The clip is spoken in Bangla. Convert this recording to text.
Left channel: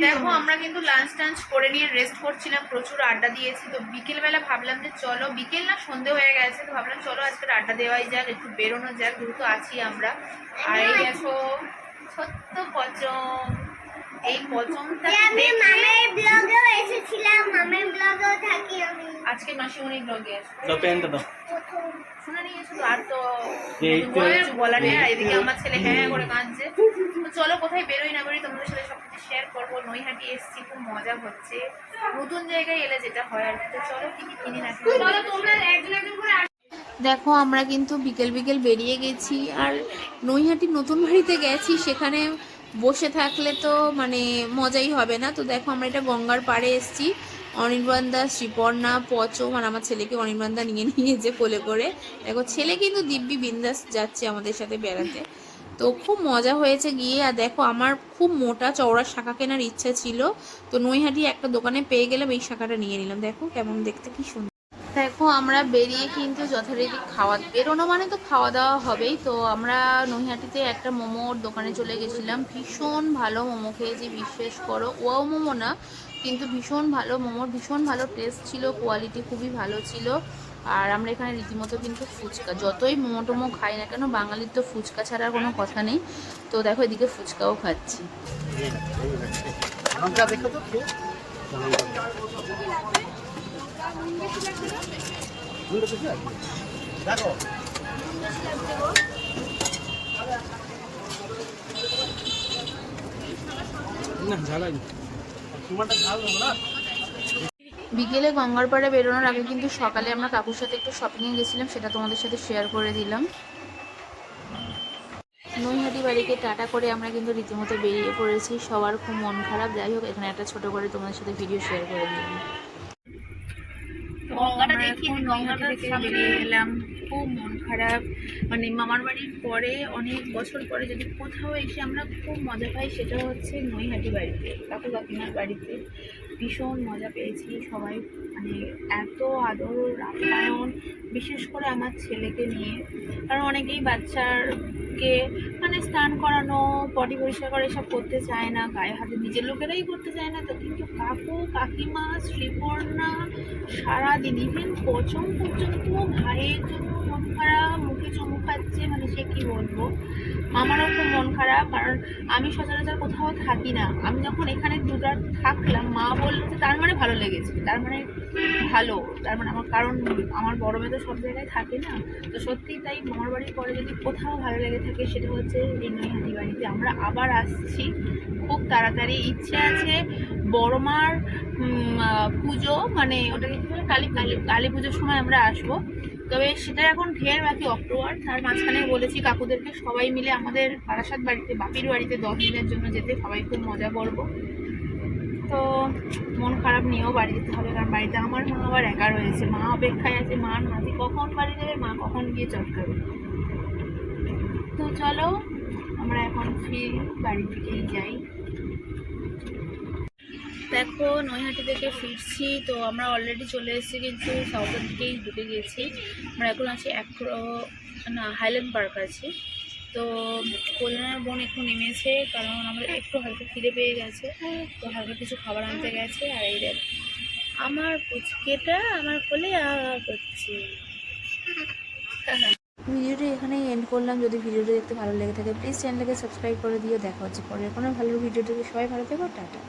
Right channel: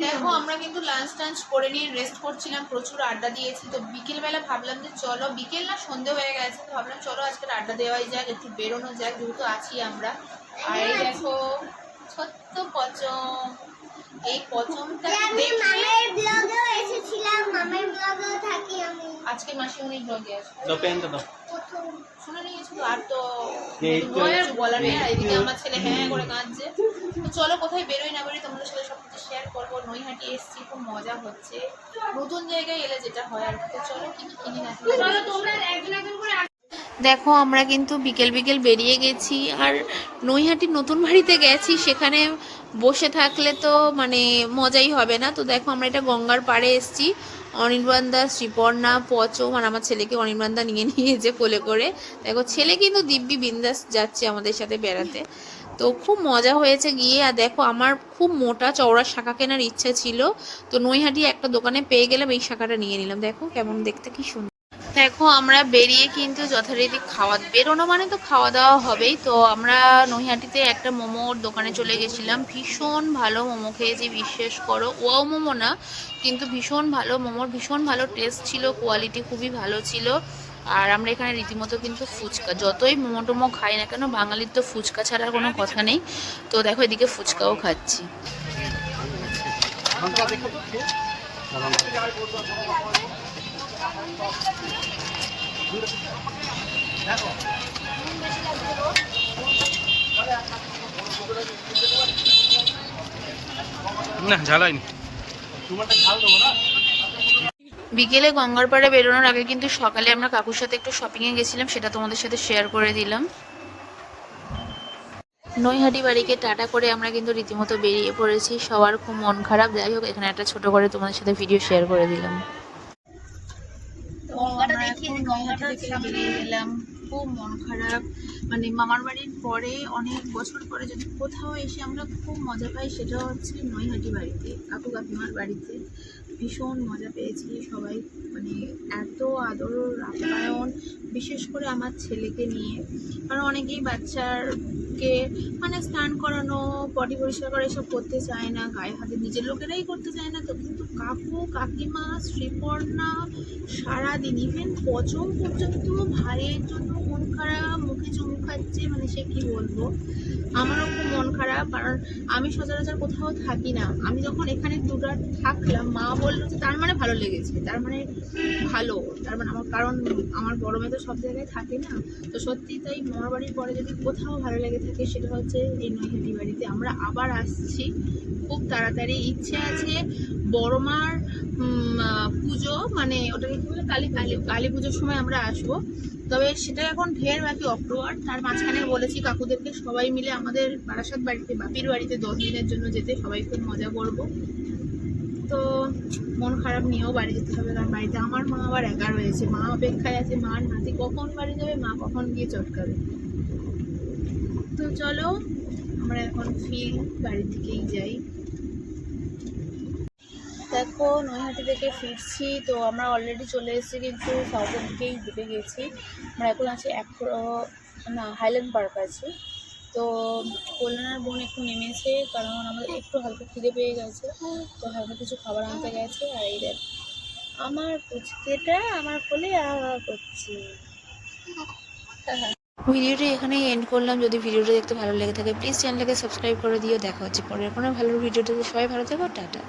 দেখো আমরা কিন্তু লাঞ্চ টাঞ্চ করে নিয়ে রেস্ট করছিলাম প্রচুর আড্ডা দিয়েছি। তো বিকেলবেলা ভাবলাম যে চলো বিকেল না সন্ধে হয়ে গেছে তো ভাবলাম চলো আজকে আড্ডা দেওয়াই যাক একটু বেরোনো যাক যেহেতু আছি আমরা। আর এই দেখো ছোট্ট পচম। এই পচমটা আমি দেখে মামের ব্লগেও এসেছিলাম মামের ব্লগেও থাকি আমি। আজকে মাসিমণি ব্লগে আছে দাও প্যান্টটা দাও। শুনে নিয়েছো তো আর তো তো- কিছু বলার নেই। আর এদিকে আমার ছেলে হ্যাঁ হ্যাঁ করে কাঁদছে। তো চলো কোথায় বেরোই না বেরোই তোমাদের সাথে সব করব নৈহাটি এসছি খুব মজা হচ্ছে। নতুন জায়গায় এলে যেটা হয় আর তো চলো কি কি কিনি না দেখো আমরা কিন্তু বিকেল বিকেল বেরিয়ে গেছি আর নৈহাটি নতুন বাড়িতে গেছি সেখানে বসে থাকলে তো মানে মজাই হবে না। তো দেখো আমরা এটা গঙ্গার পাড়ে এসেছি। অনির্বাণ দাস শ্রীপর্ণা পচম মানে আমার ছেলেকে অনির্বাণ দা নিয়ে নিয়েছে কোলে করে। দেখো ছেলে কিন্তু দিব্যি বিন্দাস যাচ্ছে আমাদের সাথে বেড়াতে। তো খুব মজা হয়েছে গিয়ে। আর দেখো, আমার খুব মোটা চওড়া শাখা কেনার ইচ্ছা ছিল। তো নৈহাটি একটা দোকানে পেয়ে গেলাম, এই শাখাটা নিয়ে নিলাম। দেখো কেমন, দেখতে কি সুন্দর দেখো, আমরা বেরিয়ে কিন্তু যথারীতি খাওয়া, বেরোনো মানে তো খাওয়া দাওয়া হবেই। তো আমরা নৈহাটিতে একটা মোমোর দোকানে চলে গেছিলাম। ভীষণ ভালো মোমো খেয়েছি, বিশ্বাস করো। ওয়াও মোমো না, কিন্তু ভীষণ ভালো মোমোর ভীষণ ভালো টেস্ট ছিল কোয়ালিটি খুবই ভালো ছিল। আর আমরা এখানে রীতিমতো কিন্তু ফুচকা যতই মোমো টোমো খাই না কেন বাঙালির তো ফুচকা ছাড়া আর কোনো কথা নেই। তো দেখো এদিকে ফুচকাও খাচ্ছি। না ঝালাইনি তোমারটা ঝাল দেবো না? বিকেলে গঙ্গারপাড়া বেরোনোর আগে কিন্তু সকালে আমরা কাকুর সাথে একটু শপিংয়ে গেছিলাম, সেটা তোমাদের সাথে শেয়ার করে দিলাম। নৈহাটি বাড়িকে টাটা করে আমরা কিন্তু রীতিমতো বেরিয়ে পড়েছি। সবার খুব মন খারাপ। যাই হোক, এখানে একটা ছোট করে তোমাদের সাথে ভিডিও শেয়ার করে দিলাম। আমরা এখন গেলাম। খুব মন খারাপ। মানে মামার বাড়ির পরে, অনেক বছর পরে যদি কোথাও এসে আমরা খুব মজা পাই, সেটা হচ্ছে নৈহাটি বাড়িতে, কাকু কাকিমার বাড়িতে। ভীষণ মজা পেয়েছি সবাই মানে এত আদর, আপ্যায়ন, বিশেষ করে আমার ছেলেকে নিয়ে। কারণ অনেকেই বাচ্চারকে মানে স্নান করানো পটি পরিষ্কার করা এসব করতে চায় না, গায়ে হাতে নিজের লোকেরাই করতে চায় না। তো কিন্তু কাকু, কাকিমা, শ্রীপর্ণা, সারাদিন ইভেন পচম পর্যন্ত ভাইয়ের জন্য মন খারাপ, মুখে চুমু খাচ্ছে মানে সে কি বলব? আমারও খুব খারাপ, কারণ আমি সচরাচর কোথাও থাকি না। আমি যখন এখানে দুবার থাকলাম, মা বলল যে তার মানে ভালো লেগেছে, তার মানে ভালো, তার মানে আমার কারণ, আমার বড় মেয়ে তো সব জায়গায় থাকে না। তো সত্যিই তাই মামার বাড়ির পরে যদি কোথাও ভালো লেগে থাকে, সেটা হচ্ছে এই নৈহাটি বাড়িতে আমরা আবার আসছি, খুব তাড়াতাড়ি। ইচ্ছে আছে বড় মার পুজো মানে ওটাকে কী বলে, কালী কালী কালী পুজোর সময় আমরা আসব। তবে সেটা এখন ঢের বাকি অক্টোবর, তার মাঝখানে বলেছি কাকুদেরকে সবাই মিলে আমাদের বারাসাত বাড়িতে, বাপির বাড়িতে দশ দিনের জন্য যেতে, সবাই খুব মজা করব। তো মন খারাপ নিয়েও বাড়ি যেতে হবে, কারণ বাড়িতে আমার মা আবার একা রয়েছে। মা অপেক্ষায় আছে মার নাতি কখন বাড়ি যাবে, মা কখন গিয়ে চটকাবে। তো চলো, আমরা এখন ফির বাড়ির দিকেই যাই। দেখো, নৈহাটি থেকে ফিরছি। তো আমরা অলরেডি চলে এসেছি কিন্তু সাউথের দিকেই ঢুকে গেছি। আমরা এখন আছি অ্যাক্রো না হাইল্যান্ড পার্ক আছে। তো কল্যাণের বোন একটু নেমেছে, কারণ আমাদের একটু হালকা খিদে পেয়ে গেছে। তো হালকা কিছু খাবার আনতে গেছে, আর এই দেখ, আমার পুচকেটা আমার কোলে আ আ করছে। ভিডিওটি এখানেই এন্ড করলাম। যদি ভিডিওটি দেখতে ভালো লেগে থাকে প্লিজ চ্যানেলটাকে সাবস্ক্রাইব করে দিও। দেখা হচ্ছে পরের কোনো ভালো ভিডিওটিতে সবাই ভালো থেকো, টাটা।